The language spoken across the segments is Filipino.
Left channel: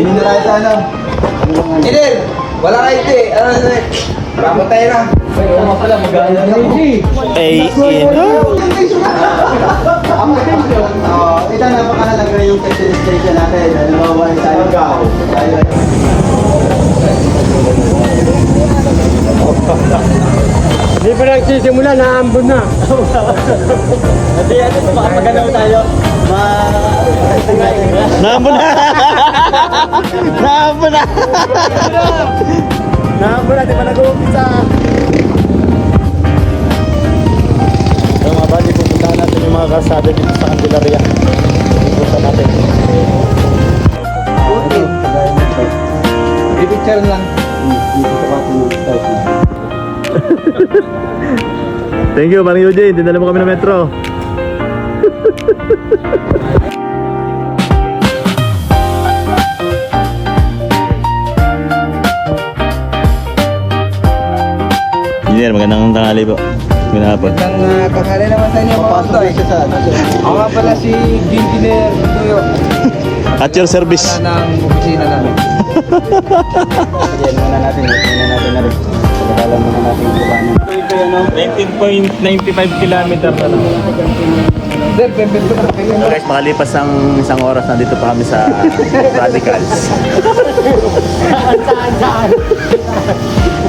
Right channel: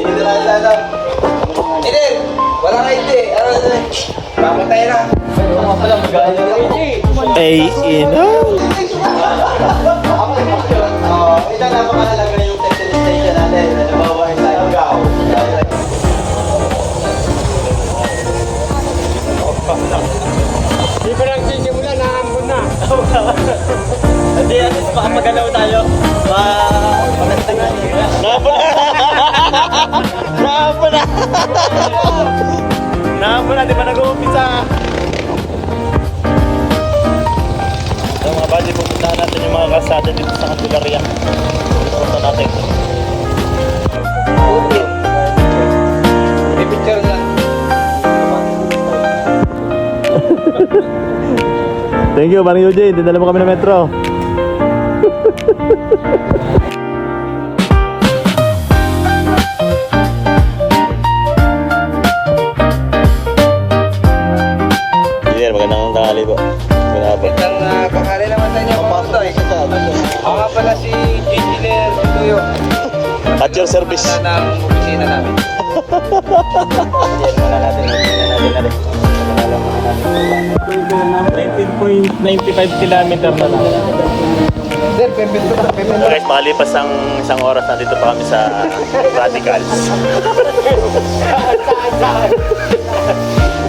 Hindi na tayo sa ano. Hindi! Wala kayo ito eh. Papuntayin na. Ito napakahalaga yung registration natin. Halimbawa, sa ikaw. Hindi pa nagsisimula, naambon na. Hindi, maganda mo tayo. Naambon na! Naambon na! Naambon na, di ba nag-uumpisa? So mga bali, pupuntahan natin yung mga kalsada dito sa Candelaria. Pupuntahan natin. Picture lang. Thank you, Mang Eugene. Dinala mo kami ng metro. Engineer, magandang tanghali po. Ginapit. Ang pangalan naman sa inyo mga Ostoy. Ako nga pala si Engineer Tuyo At your service. ng opisina namin. 19.95 kilometer na lang. Sir, pempel ko na. So guys, makalipas ang isang oras, nandito pa kami sa Radicals.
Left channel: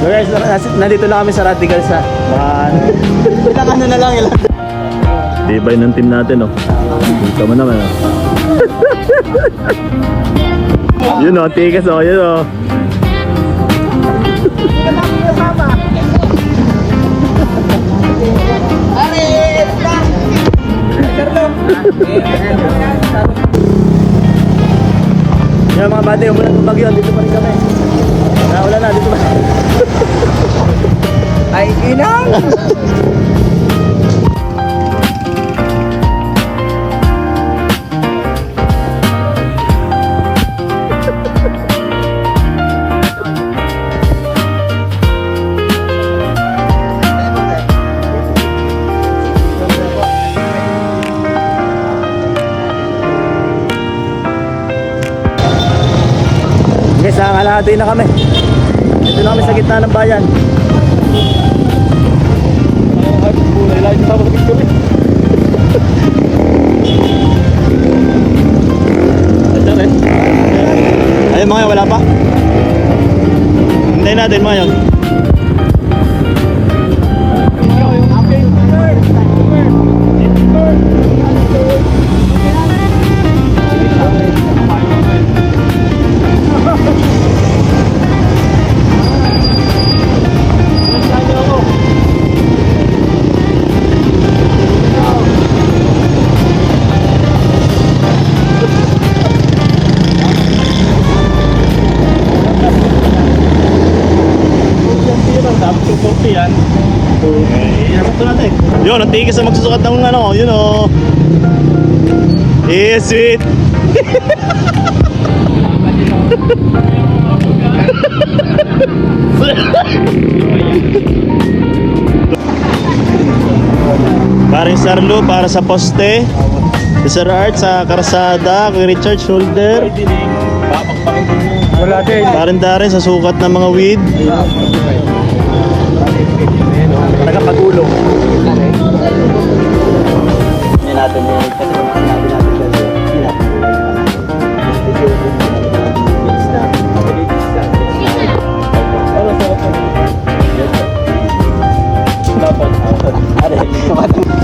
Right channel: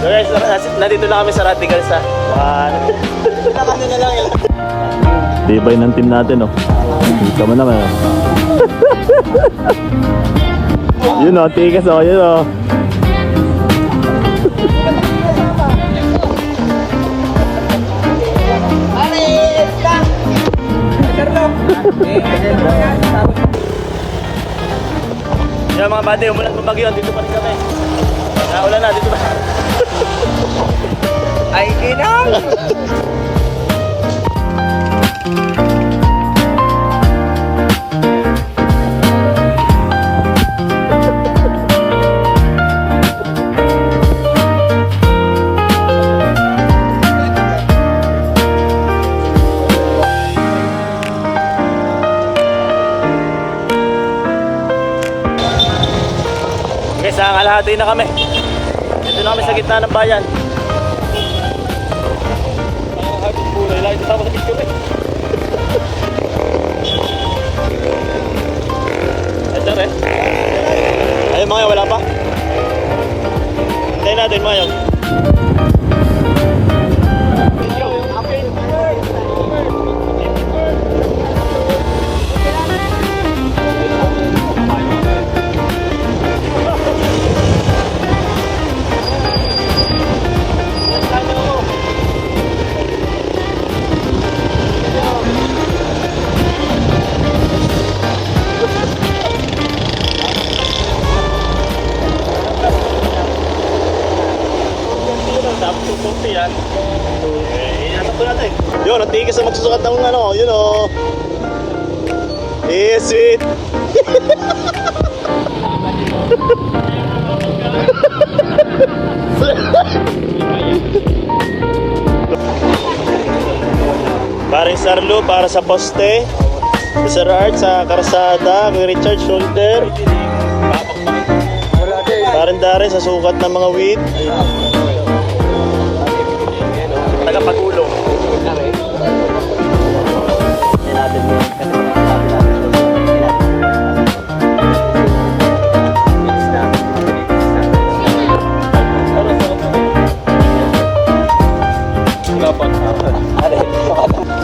So guys, nandito lang kami sa Radicals ha. Ilang ano na lang ilang. Tibay ng team natin oh. Dito mo naman. Yun oh, tigas oh, yun oh. Yan mga bate, umulan ng bagyo, dito pa rin kami. Naulan na, dito pa. Ay, inang! Guys, kalahati na kami. Dito na kami sa gitna ng bayan. Ayun mga wala pa. Hintayin natin mga yun. Yun, ang tigis na magsusukat ng ano, yun o. Yes, sweet. Paring Sarlo para sa poste. Sir Art sa karsada, kay Richard shoulder. Wala din. Parin-darin sa sukat ng mga weed. Tagapagulong. Natin yung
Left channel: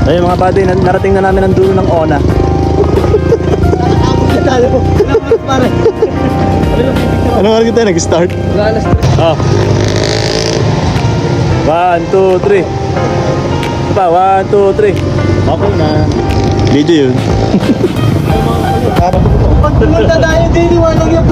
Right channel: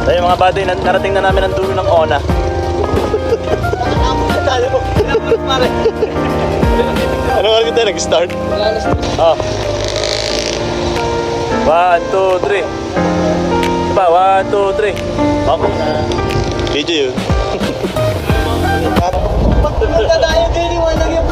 ayun mga buddy, narating na namin ang dulo ng Ona. Ano nga kita nag-start? Oh. 1, 2, 3. Pa, 1, 2, 3. Okay na. Video yun. Pag pumunta tayo din, iwanan yung